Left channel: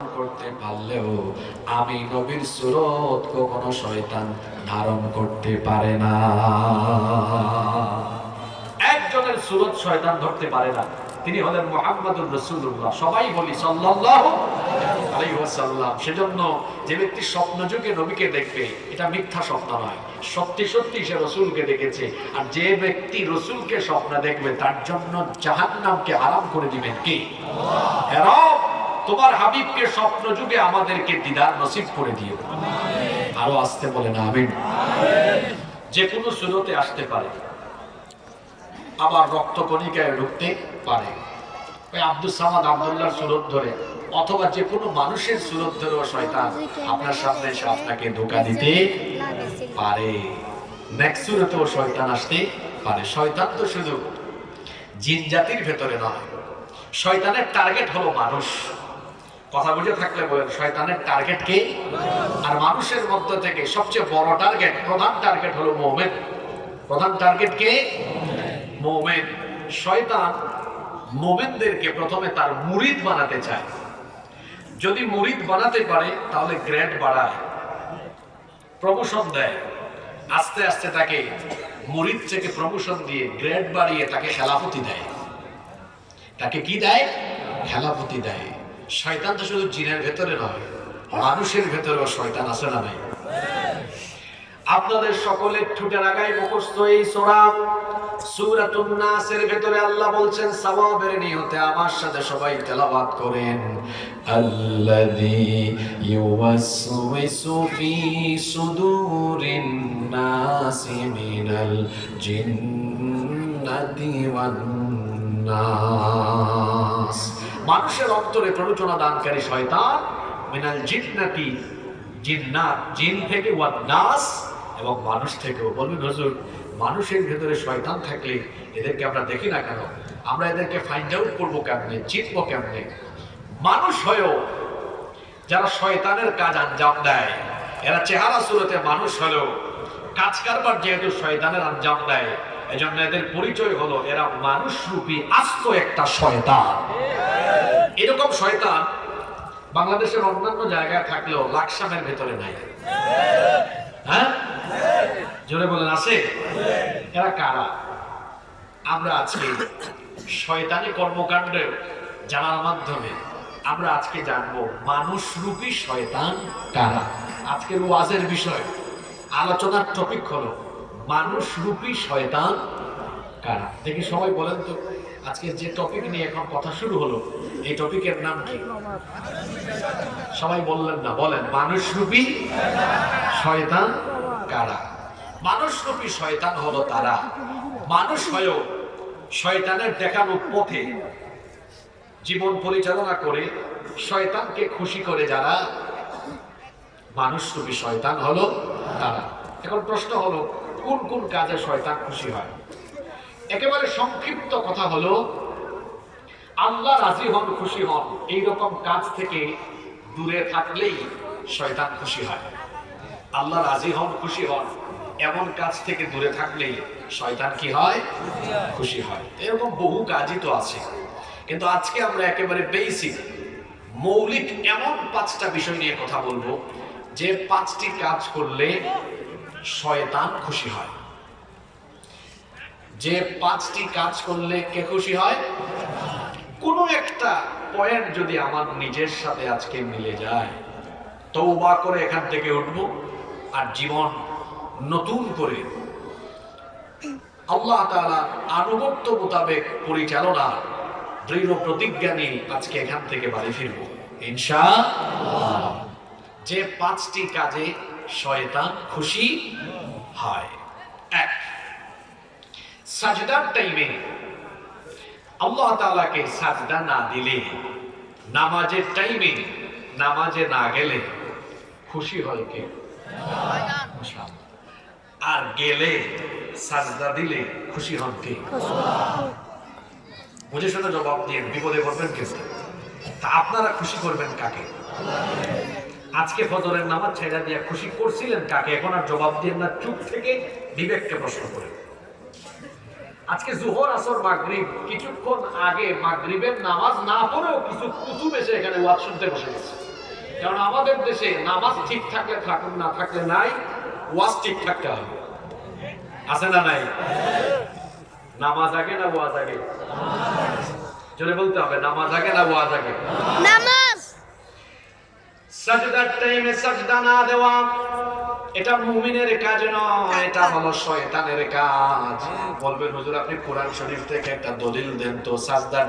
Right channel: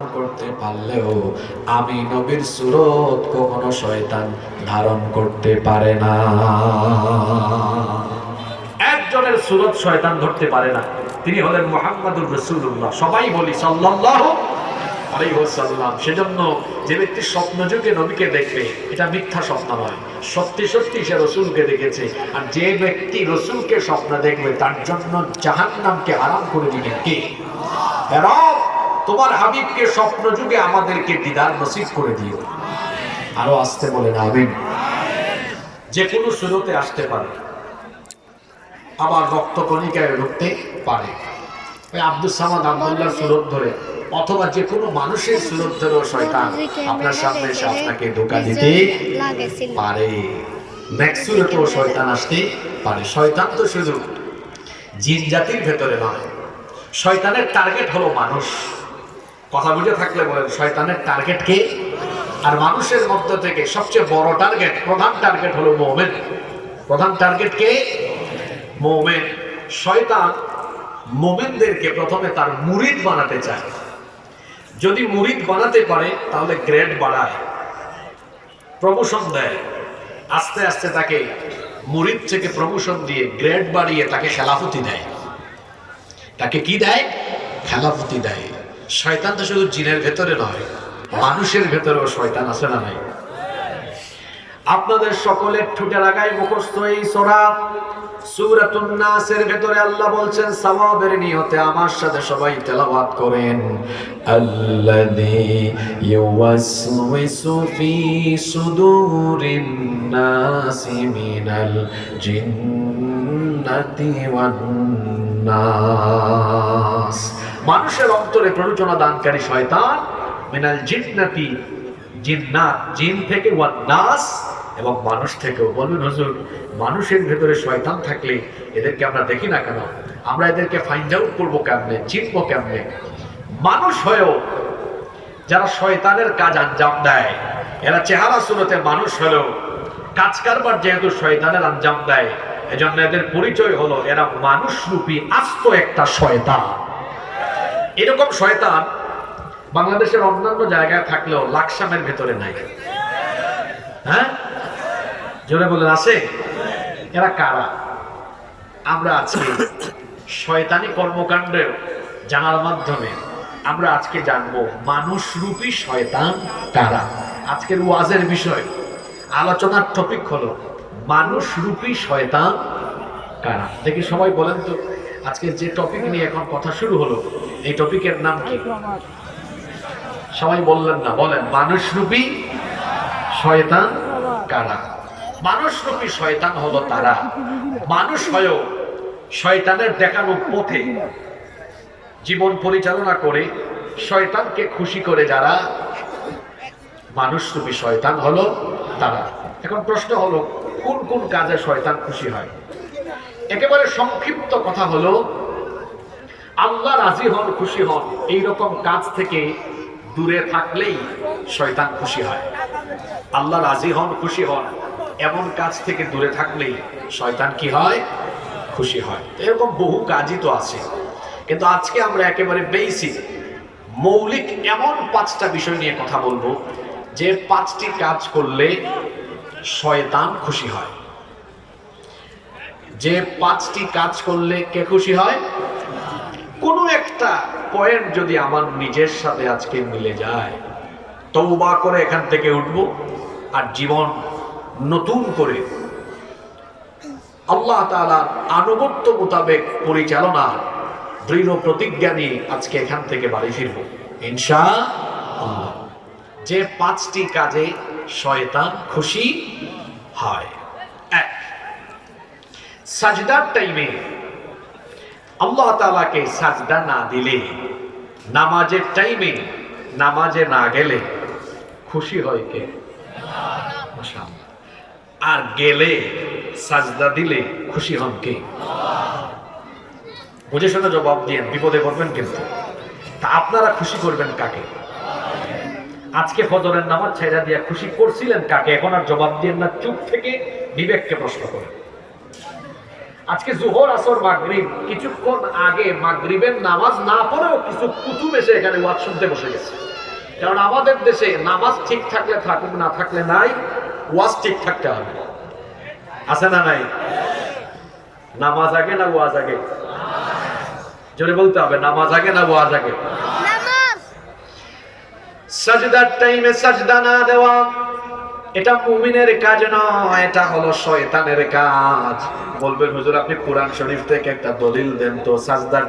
করতে পারলেও আমি নবীর সুরত কখনো শয়তান ধারণ করতে পারে না। একজনের সুরত শয়তান ধরতে পারে না। তিনি হলেন মোহাম্মদুর রসুল্লাহ সবাই বলি আলাইহি সেজন্য যে ব্যক্তি স্বপ্ন যুগে নবীকে দেখবে এটা মিথ্যা স্বপ্ন নয়। সত্যি সত্যি সে রসুলকে দেখেছে। আর যে ব্যক্তি রসুলকে স্বপ্ন দেখবে তার জন্য জাহান্নামকে আরাম করে দিবেন কে? হে রব, তোমার হাবিবকে স্বপ্ন যুগে আমাদেরকে দিদার নসিব করে দিও। আরও আসতে বলে না আমিন। যে কোনো সুরতে আসতে পারে। আবার রক্ত কণিকায় ঢুকতে পারে। আব্দুল সামাদ আব্দুল্লাহ সুরত ধরে, অথবা যে কোনো মানুষের সুরত ধরেও শয়তান আপনার সামনে এসে আপনাকে ধোকা দিতে পারে। সুরতেও শয়তান আসতে পারে। শয়তান তো শুধু জিন জাতির ভেতরে নয়, শয়তানের টার্গেট হলো মানুষ। কথা বুঝে থাকলে বলেন শয়তানের টার্গেট কে? আর মানুষের মধ্য থেকে সবচেয়ে বড় টার্গেট প্রধান টার্গেট হলো মোমেন। প্রধান টার্গেট কে? মোমেন। শয়তান মোমেনদেরকে প্রথমে তার মুরিদ বানাতে চায়। যদি মুরিদ বানাতে পারে, তাহলে গ্রেড বাড়ায় প্রমোশন দেয়। আস্তে আস্তে তাকে মুরিদ থেকে প্রমোশন দিয়ে গ্রেড বাড়িয়ে তাকে খেলাফতি দেয়। তাকে কি দেয়? খেলাফতি দেয়। শয়তান তো শুধু জিনের ভেতরে নয়, মানুষের ভেতরেও শয়তান আছে না নাই? আপনাদের সকলের ঠুটে লাগায় মুখস্থ এই সোরা। সূরাতুন নাসের ভেতরে আল্লাহ বলছেন নিয়তে আমার সাথে সবাই তেলাওয়াত করেন। আল্লাযী ইউওয়াসওয়িসু ফি সুদুরিন নাসি মিনাল জিন্নাতি ওয়ান নাস মানুষের অন্তরে প্ররোচনা দানকারী শয়তান, মিনাল জিন্নাতি জিন্নাত জিন থেকে ওয়ান নাস, এবং মানুষ থেকেও। বলবেন, হুজুর, মানুষের ভেতরে শয়তান থাকলে এদেরকে আমরা দেখি না কেন? আমরা এদেরকে ফাইন্ড আউট করব কেমনে? চিনবো কেমনে? মানুষ হয়েও যারা শয়তানের কাজ আঞ্জাম দেয়, এরা চেহারা সুরতে মানুষ হলেও কাজ কারবার যেহেতু শয়তানের আঞ্জাম দেয়, এজন্য এদের পরিচয় হলো এরা মানুষরূপী আস্ত একটা শয়তান। এরকম শয়তান বাংলাদেশের অন্যান্য জায়গায় থাকলেও লাকসামের ভেতরে নাই। হ্যাঁ? জোরে বলেন, আছে? এরা কারা? আমরা আজকে শয়তানি কর্মকাণ্ডে জানার মাধ্যমে। আমরা আজকে জানব মানুষরূপী শয়তান কারা? আজকের ওয়াজের বিষয়, আলোচনার টপিক হলো, মানুষরূপী শয়তান কারা? দেখি সবাই বলেন তো আজকে যে টপিক নিয়ে এখন কথা শুরু হলো এই টপিকের নাম কি? সবাই বললেন না বলেন মানুষরূপী শয়তান কারা? মানুষরূপী শয়তান হলো তারা। মানুষ হয়েও শয়তানের দেখানো পথে জীবন পরিচালনা করে শয়তানকে খুশি করে যারা মানুষরূপী শয়তান হলো তারা। এখন প্রশ্ন হলো কোন কোন কাজে শয়তান খুশি হয়? একেবারে সংক্ষিপ্ত কথা হলো, আল্লাহ রাজি হন, খুশি হন এই রকম কাজ থেকে দূরে থাকলেই শয়তান খুশি হয়। আল্লাহ রাজি হন, খুশি হন, এমন কাজ থেকে দূরে থাকলেই শয়তান কি হয়? খুশি হয়। এরকম বহু কাজই তো আছে। কিন্তু আজকে আমরা একেবারে বেসিক মৌলিক এমন পাঁচটা বিষয় নিয়ে কথা বলব, যে পাঁচটি কাজ করলে শয়তান খুশি হয়। যে পাঁচটি কাজ করলে কে খুশি হয়? কোনো একটা পয়েন্ট যদি আমার নিজের সাথে আজকে মিলে যায় তৌবা করে এখান থেকে উঠবো আর জীবন নতুন করে আল্লাহ তাআলার আনুগত্য মোতাবেক পরিচালনা, দৃঢ় প্রতিজ্ঞা নিয়ে আজকে এখান থেকে বাড়ি ফিরবো। ইনশা যে পাঁচটি কাজে শয়তান খুশি হয়। সাজদার টাইমে আল্লাহ তাআলাকে সাজদা না দিলে, নামাজের টাইমে নামাজে না গেলে খুশি হয় কে? আর গেলে সাজদা দিলে খুশি হন কে? বুঝে শুনে জবাব দিয়ে বিপদে পড়বেন কিন্তু। তা আপনারা খুশি করবেন কাকে? আজকে ফজরের নামাজ ছেড়া দিয়া খুশি করছিলেন কাকে? এখন আর জবাব দিয়ে না, চুপ থেকে বিবেককে প্রশ্ন করেন। আজকে জোহর আসর মাগরিব। কিছুক্ষণ আগে মাগরিবের নামাজ না পড়েও কিছু কুতুব এসে এখানে ওয়াজ শুনতে বসে গেছে। কারণ আমাদের দেশে নামাজ ঠিক থাকলে থাকুক না থাকলে নাই ওয়াজ ঠিক থাকতে হবে। আছে না নাই? নামাজ আগে না ওয়াজ আগে? জোরে বলতে হবে নামাজ আগে না ওয়াজ আগে? নামাজ! সাজদার টাইমে সাজদা না দেওয়া এটা মুমিনের কাজ নয়, এটা হলো শয়তানের কাজ। বলবেন, হুজুর, আপনি কোরআন শরীফ থেকে একটা দলিল দেন তো, সাজদার